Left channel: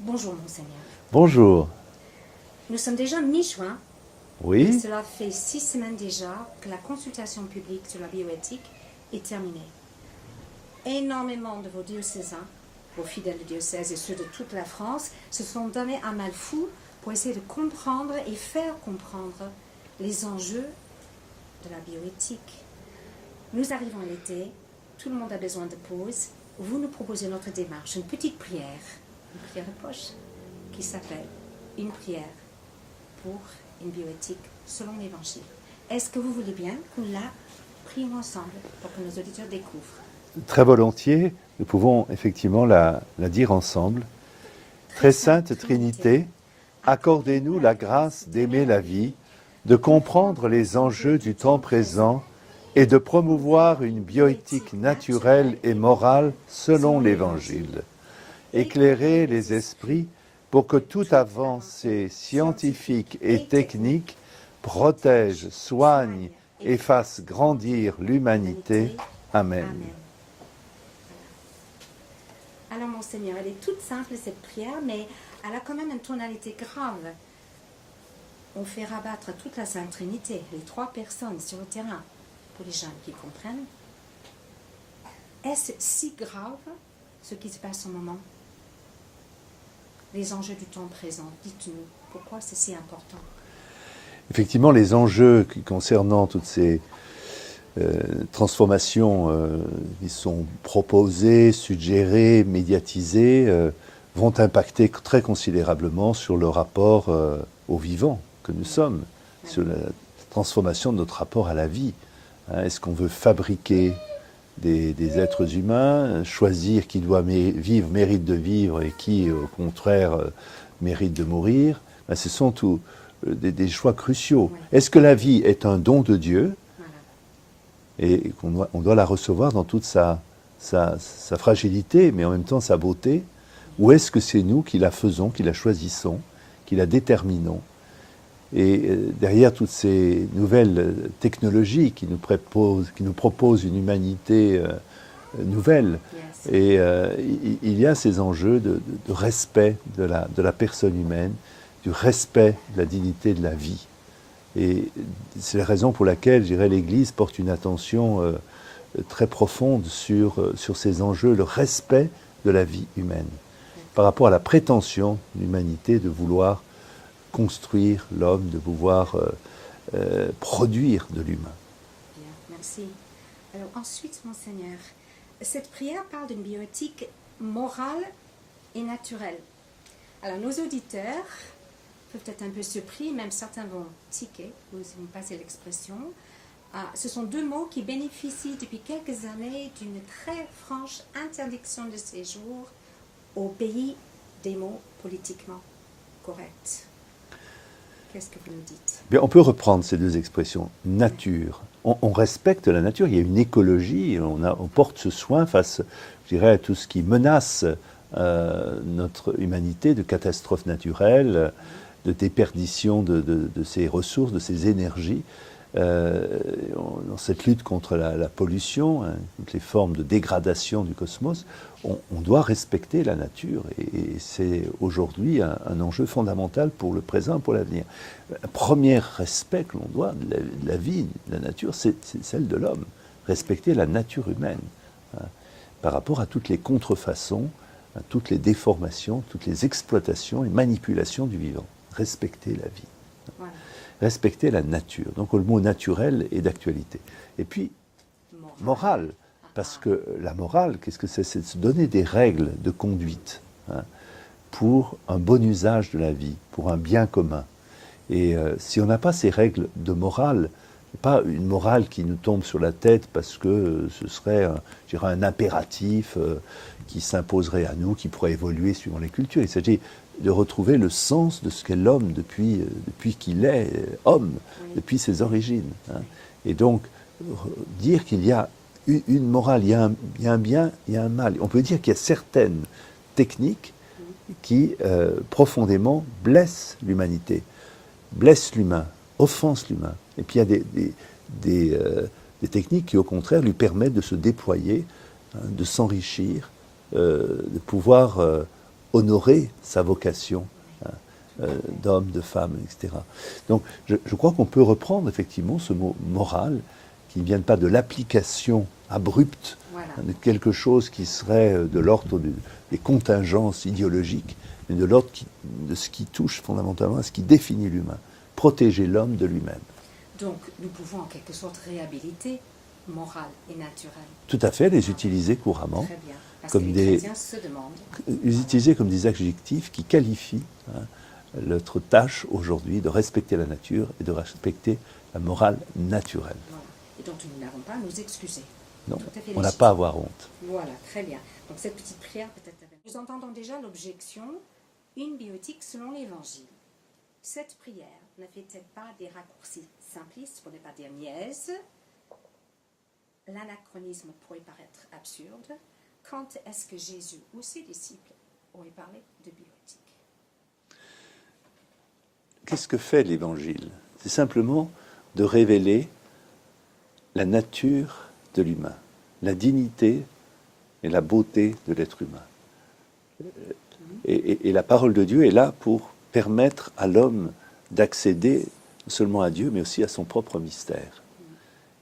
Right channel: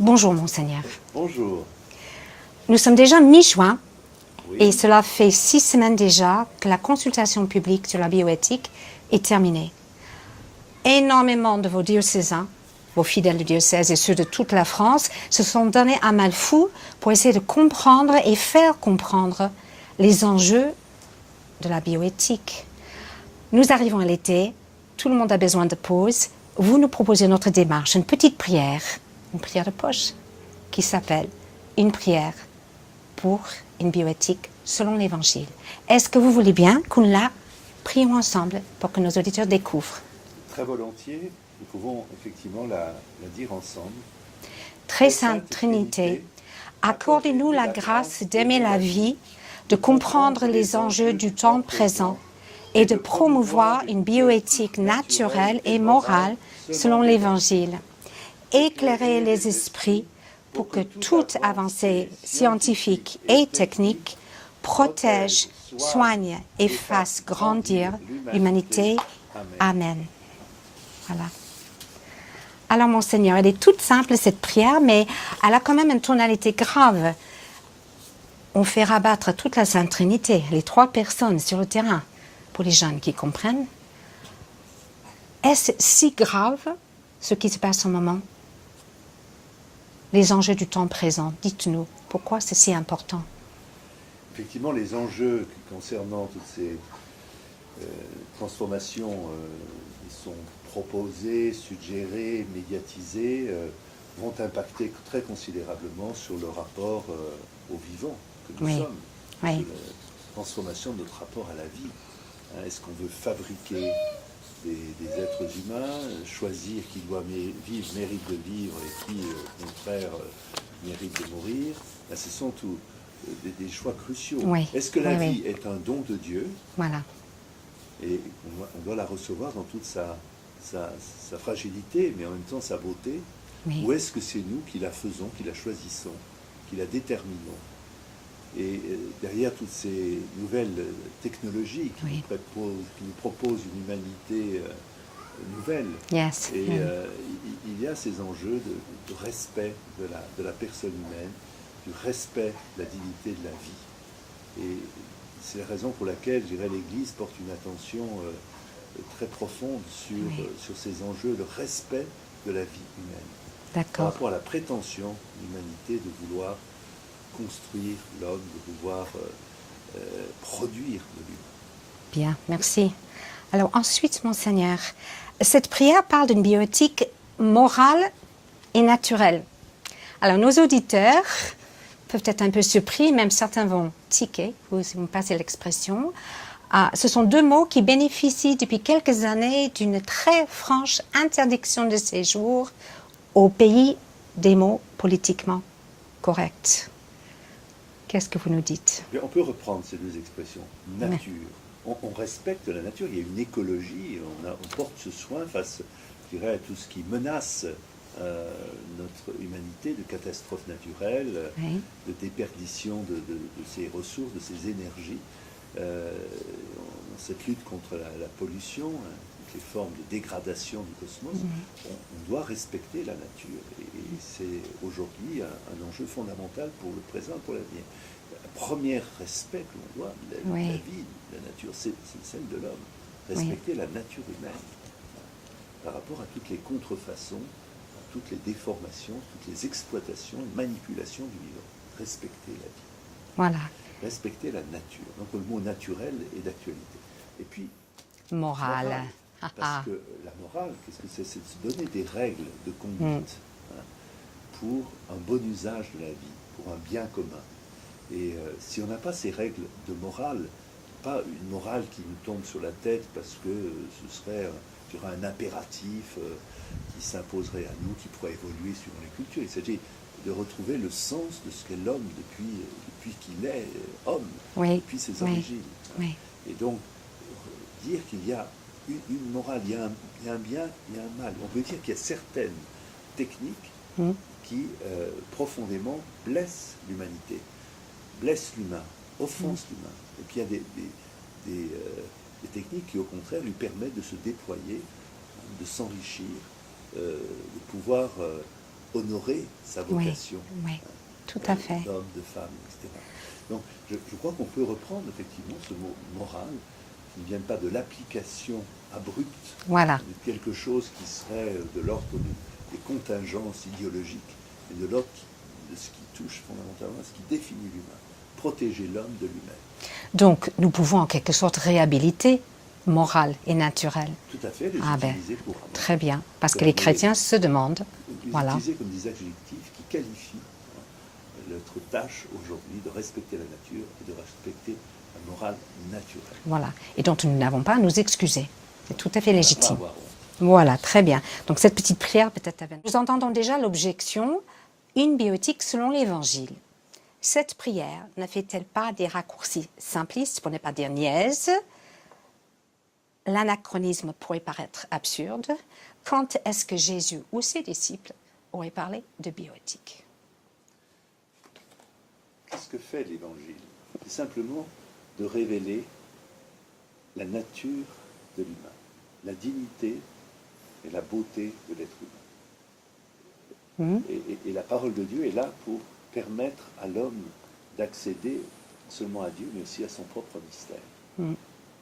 Bonjour, Monseigneur. Bonjour. Nous sommes déjà mi-juin Oui, et cela fait 6 semaines déjà que la consultation publique sur la bioéthique est terminée. Énormément de vos diocésains, vos fidèles du diocèse et ceux de toute la France se sont donnés un mal fou pour essayer de comprendre et faire comprendre les enjeux de la bioéthique. Nous arrivons à l'été, tout le monde a besoin de pause. Vous nous proposez notre démarche, une petite prière, une prière de poche, qui s'appelle une prière pour une bioéthique selon l'Évangile. Est-ce que vous voulez bien qu'on la prions ensemble pour que nos auditeurs découvrent? très volontiers. Nous pouvons effectivement la dire ensemble. Très sainte Trinité, accordez-nous la grâce d'aimer la vie, de comprendre les enjeux du temps présent et de promouvoir une bioéthique naturelle et morale selon l'Évangile. Éclairez les esprits pour que toute avancée scientifique et technique protège, soigne et fasse grandir l'humanité. Amen. Amen. Voilà. Alors, Monseigneur, elle est toute simple, cette prière, mais elle a quand même une tonalité grave. On fait rabattre toute la Sainte Trinité, les 3 personnes sur le terrain, pour les jeunes qui comprennent. Est-ce si grave, ce qui se passe au moment? Les enjeux du temps présent, dites-nous, pourquoi c'est si important? Effectivement, les enjeux concernant toutes ces transformations qui sont proposées, suggérées, médiatisées, vont impacter très considérablement sur le rapport au vivant que nous sommes, sur la transformation de notre rapport à la vie. Est-ce qu'on veut fabriquer des êtres humains, choisir qui doit vivre, mérite de vivre et qui, au contraire, mérite de mourir? Ce sont tous des choix cruciaux. Est-ce que la vie est un don de Dieu? Voilà. Et qu'on doit la recevoir dans toute sa fragilité, mais en même temps sa beauté? Ou est-ce que c'est nous qui la faisons, qui la choisissons, qui la déterminons? Et derrière toutes ces nouvelles technologies qui nous proposent une humanité nouvelle, et il y a ces enjeux de respect de la personne humaine, du respect de la dignité de la vie. Et c'est la raison pour laquelle, je dirais, l'Église porte une attention très profonde sur ces enjeux, le respect de la vie humaine, par rapport à la prétention de l'humanité de vouloir construire l'homme, de pouvoir produire de l'humain. Bien, merci. Alors ensuite, Monseigneur, cette prière parle d'une bioéthique morale et naturelle. Alors nos auditeurs peuvent être un peu surpris, même certains vont tiquer, vous me passez l'expression. Ce sont 2 mots qui bénéficient depuis quelques années d'une très franche interdiction de séjour au pays des mots politiquement corrects. Qu'est-ce que vous nous dites? Bien, on peut reprendre ces 2 expressions. Nature. On respecte la nature, il y a une écologie, on porte ce soin face, je dirais, à tout ce qui menace notre humanité de catastrophes naturelles, de déperdition de ses ressources, de ses énergies. Dans cette lutte contre la pollution, toutes les formes de dégradation du cosmos, on doit respecter la nature. Et c'est aujourd'hui un enjeu fondamental pour le présent et pour l'avenir. Le premier respect que l'on doit de la vie, de la nature, c'est celle de l'homme. Respecter la nature humaine, par rapport à toutes les contrefaçons, à toutes les déformations, toutes les exploitations et manipulations du vivant. Respecter la vie. Voilà. Respecter la nature. Donc le mot naturel est d'actualité. Et puis, morale. Parce que la morale, qu'est-ce que c'est? C'est de se donner des règles de conduite pour un bon usage de la vie, pour un bien commun. Et si on n'a pas ces règles de morale, pas une morale qui nous tombe sur la tête parce que ce serait, je dirais, un impératif qui s'imposerait à nous, qui pourrait évoluer suivant les cultures. Il s'agit de retrouver le sens de ce qu'est l'homme depuis qu'il est homme, depuis ses origines. Et donc, dire qu'il y a une morale, il y a un bien, il y a un mal. On peut dire qu'il y a certaines techniques qui profondément blessent l'humanité, blessent l'humain, offensent l'humain. Et puis il y a des techniques qui, au contraire, lui permettent de se déployer, de s'enrichir, de pouvoir honorer sa vocation tout à fait. d'homme, de femme, etc. Donc je crois qu'on peut reprendre effectivement ce mot moral, qui ne vient pas de l'application abrupte de quelque chose qui serait de l'ordre des contingences idéologiques, mais de l'ordre de ce qui touche fondamentalement à ce qui définit l'humain, protéger l'homme de lui-même. Donc nous pouvons en quelque sorte réhabiliter morale et naturelle. Tout à fait, les utiliser couramment. Très bien, parce que les chrétiens se demandent. Les utiliser comme des adjectifs qui qualifient notre tâche aujourd'hui de respecter la nature et de respecter la morale naturelle. Voilà, et dont nous n'avons pas à nous excuser. Non, tout à fait on légitime. n'a pas à avoir honte. Voilà, très bien. Donc cette petite prière peut-être avec... Nous entendons déjà l'objection, une bioéthique selon l'Évangile. Cette prière ne fait-elle pas des raccourcis simplistes, pour ne pas dire niaises? L'anachronisme pourrait paraître absurde. Quand est-ce que Jésus ou ses disciples auraient parlé de bioéthique? Qu'est-ce que fait l'Évangile? C'est simplement de révéler la nature de l'humain, la dignité et la beauté de l'être humain. Et la parole de Dieu est là pour permettre à l'homme d'accéder non seulement à Dieu, mais aussi à son propre mystère.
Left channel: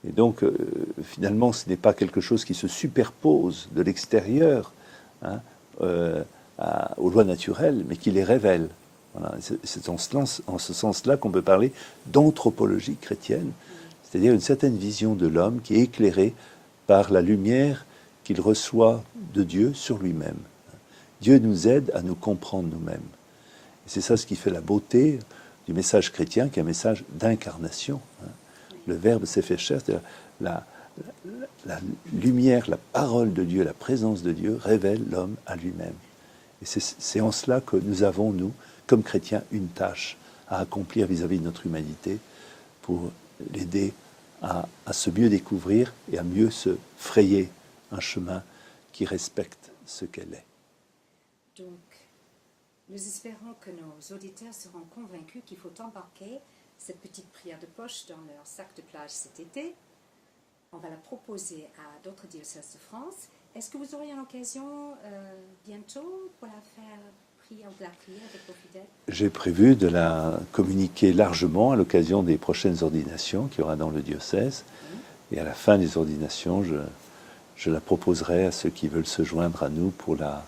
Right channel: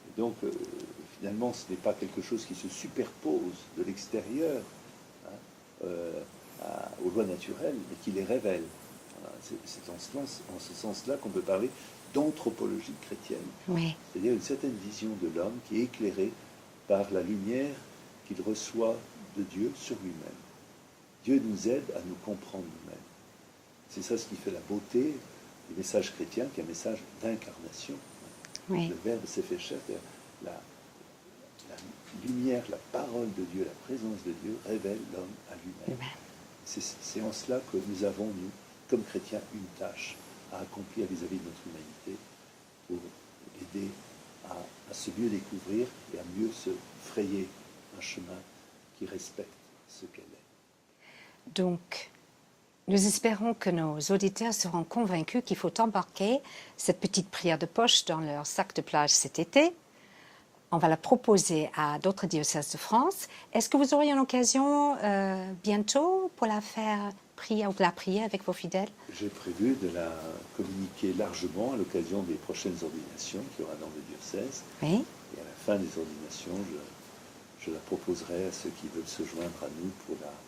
Et donc, finalement, ce n'est pas quelque chose qui se superpose de l'extérieur aux lois naturelles, mais qui les révèle. Voilà. C'est en ce sens-là qu'on peut parler d'anthropologie chrétienne, c'est-à-dire une certaine vision de l'homme qui est éclairée par la lumière qu'il reçoit de Dieu sur lui-même. Dieu nous aide à nous comprendre nous-mêmes. C'est ça ce qui fait la beauté du message chrétien, qui est un message d'incarnation. Le Verbe s'est fait chair, c'est-à-dire la lumière, la parole de Dieu, la présence de Dieu révèle l'homme à lui-même. Et c'est en cela que nous avons, nous, comme chrétiens, une tâche à accomplir vis-à-vis de notre humanité pour l'aider à se mieux découvrir et à mieux se frayer un chemin qui respecte ce qu'elle est. Donc, nous espérons que nos auditeurs seront convaincus qu'il faut embarquer cette petite prière de poche dans leur sac de plage cet été. On va la proposer à d'autres diocèses de France. Est-ce que vous aurez une occasion bientôt pour la faire prier ou de la prier avec vos fidèles? J'ai prévu de la communiquer largement à l'occasion des prochaines ordinations qu'il y aura dans le diocèse. Oui. Et à la fin des ordinations, je la proposerai à ceux qui veulent se joindre à nous pour la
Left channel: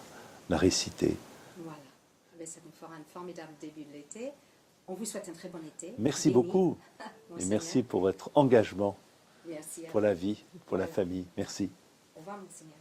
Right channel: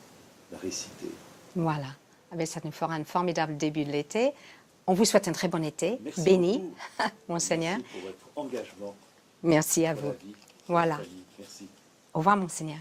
réciter. Voilà. Ça nous fera un formidable début de l'été. On vous souhaite un très bon été. Merci béni, beaucoup. Monseigneur. Merci pour votre engagement Merci à pour vous. la vie, pour la famille. Merci. Au revoir, Monseigneur.